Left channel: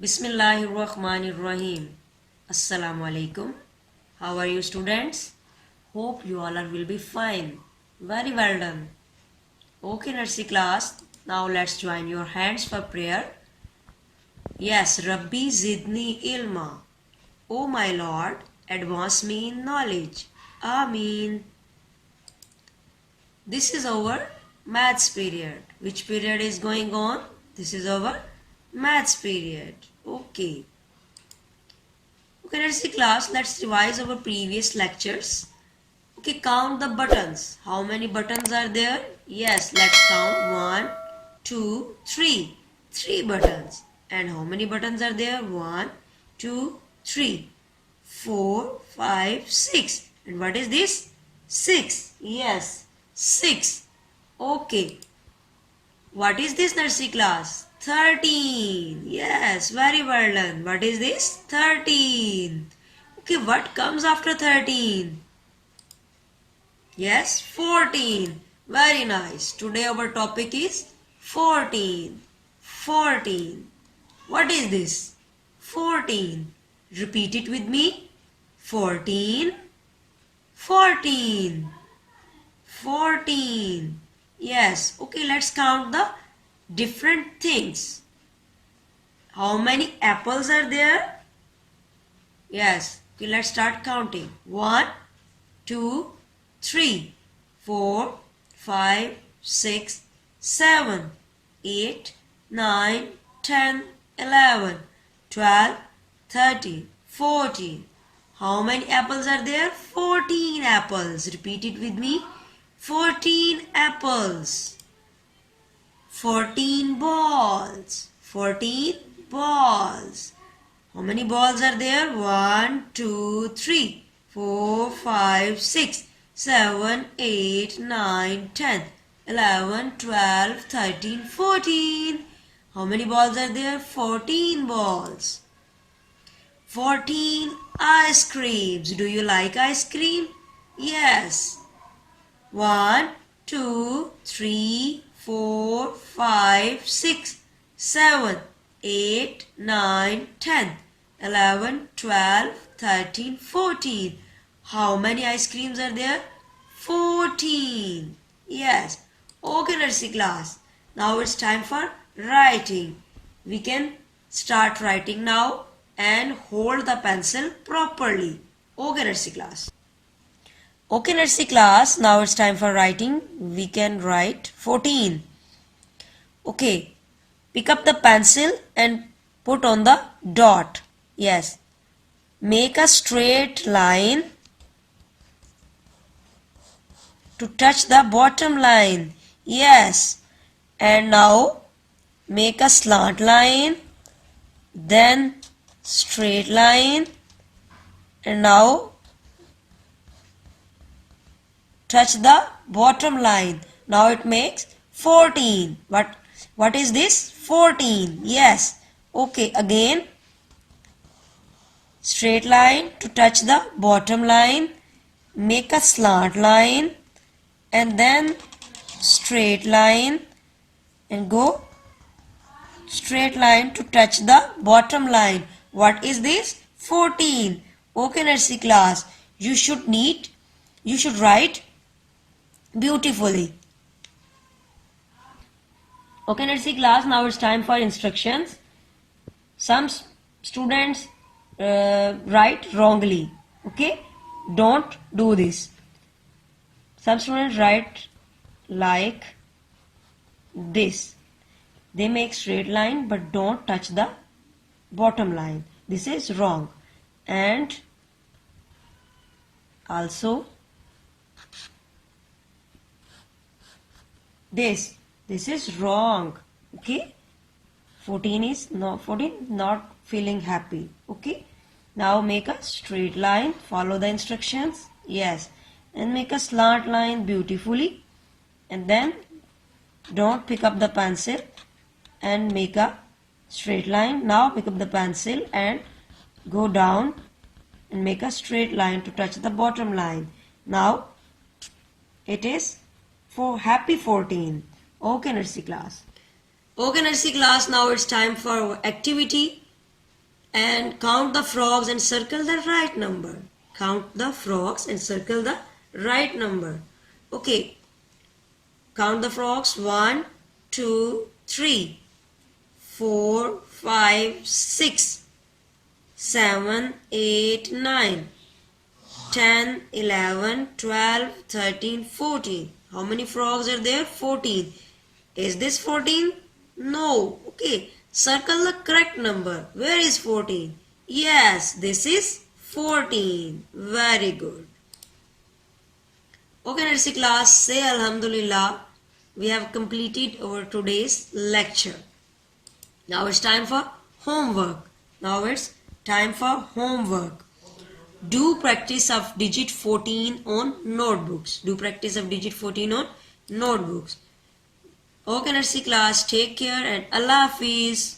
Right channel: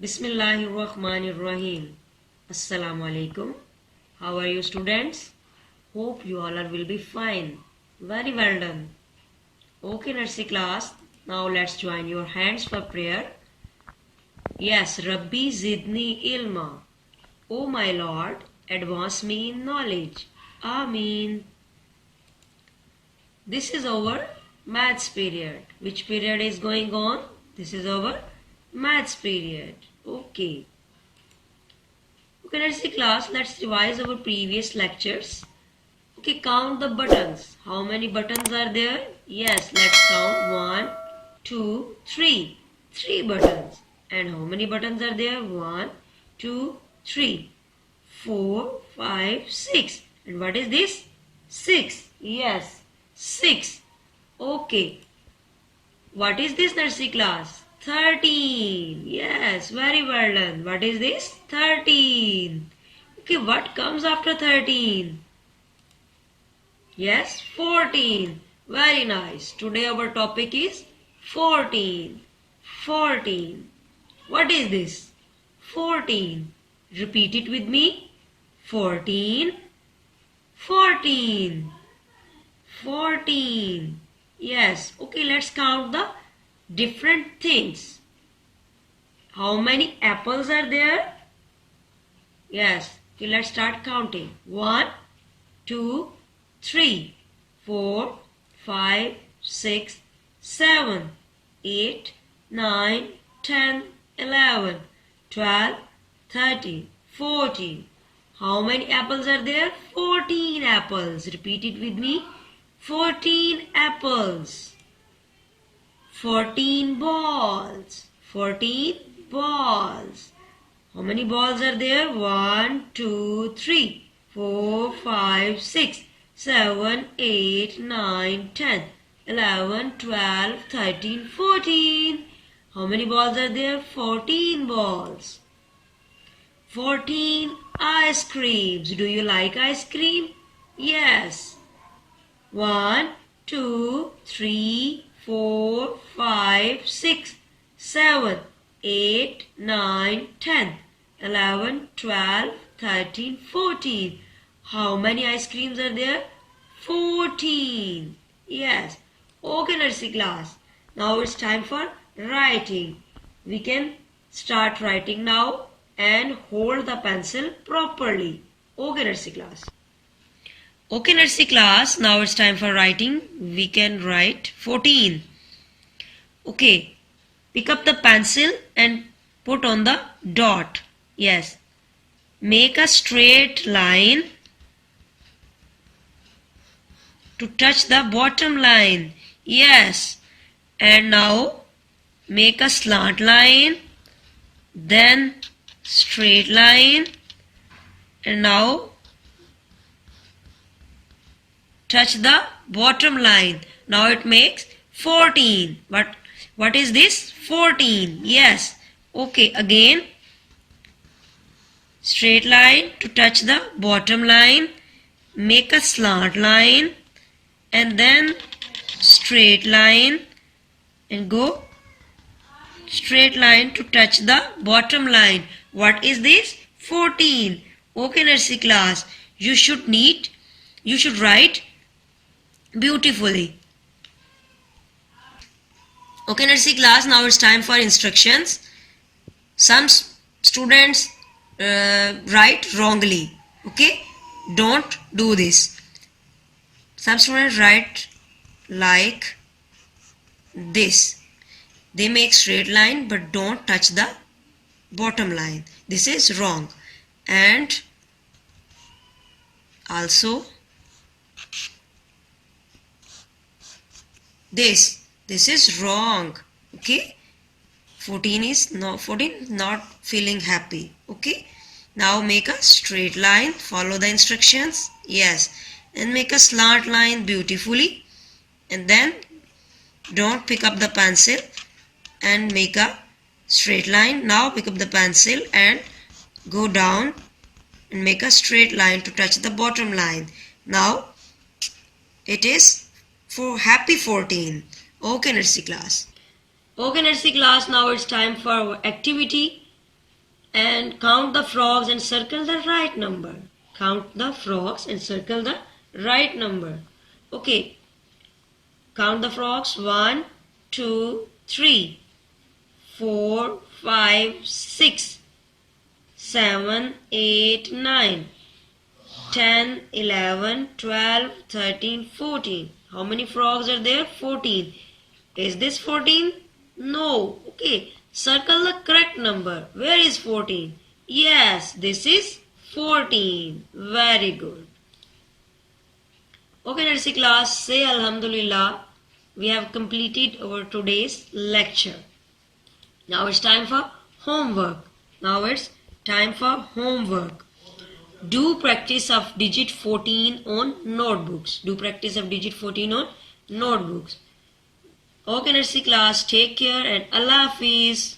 Bismillahirrahmanirrahim. Assalamu alaikum. How are you, students? Hope you all will be fine. Very well done. Okay, nursery class. Now let's join your hands for prayer. Yes, Rabbi Zidni Ilma. O my Lord, advance me in knowledge. Ameen. This is our maths period. Which period is going on? This is our maths period. Okay. Okay, let's see class. Let's revise our previous lectures. Okay, count the buttons. How many buttons are there? Yes, let's count. 1, 2, 3. 3 buttons. And how many buttons are there? 1, 2, 3, 4, 5, 6. And what is this? 6. Yes, 6. Okay. What is this, nursery class? 13. Yes, very well done. What is this? 13. Okay, what comes after 13? Yes, 14. Very nice. Today our topic is 14. 14. What is this? 14. Repeat it with me. 14. 14. 14. Yes. Okay, let's count the different things. How many apples are there? Yes. Okay, let's start counting. 1, 2, 3, 4, 5, 6, 7, 8, 9, 10, 11, 12, 13, 14. How many apples are there? 14 apples. Repeat it with me. 14 apples. 14 balls. 14 balls. How many balls are there? 1, 2, 3, 4, 5, 6, 7, 8, 9, 10, 11, 12, 13, 14. How many balls are there? 14 balls. 14 ice creams. Do you like ice cream? Yes. 1, 2, 3, 4, 5, 6, 7, 8, 9, 10, 11, 12, 13, 14. How many ice creams are there? 14. Yes. Okay, nursery class. Now it's time for writing. We can start writing now and hold the pencil properly. Okay, nursery class. Okay, nursery class. Now it's time for writing. We can write 14. Okay. Pick up the pencil and put on the dot. Yes. Make a straight line to touch the bottom line. Yes. And now make a slant line, then straight line, and now touch the bottom line. Now it makes 14. What is this? 14. Yes. Okay, again straight line to touch the bottom line, make a slant line and then straight line and go straight line to touch the bottom line. What is this? 14. Okay, nursery class. You should write beautifully. Okay, nursery class. Now it's time for instructions. Some students write wrongly. Okay, don't do this. Some students write like this. They make straight line but don't touch the bottom line. This is wrong. And also this is wrong. Okay, 14 is not feeling happy. Okay, now make a straight line, follow the instructions. Yes, and make a slant line beautifully, and then don't pick up the pencil and make a straight line. Now pick up the pencil and go down and make a straight line to touch the bottom line. Now it is for happy 14. Okay, nursery class. Okay, nursery class. Now it's time for our activity. And count the frogs and circle the right number. Count the frogs and circle the right number. Okay. Count the frogs. 1, 2, 3, 4, 5, 6, 7, 8, 9, 10, 11, 12, 13, 14. How many frogs are there? 14. Is this 14? No. Okay. Circle the correct number. Where is 14? Yes, this is 14. Very good. Okay, nursery class, say Alhamdulillah. We have completed our today's lecture. Now it's time for homework. Do practice of digit 14 on notebooks. Okay, nursery class, take care and Allah Hafiz.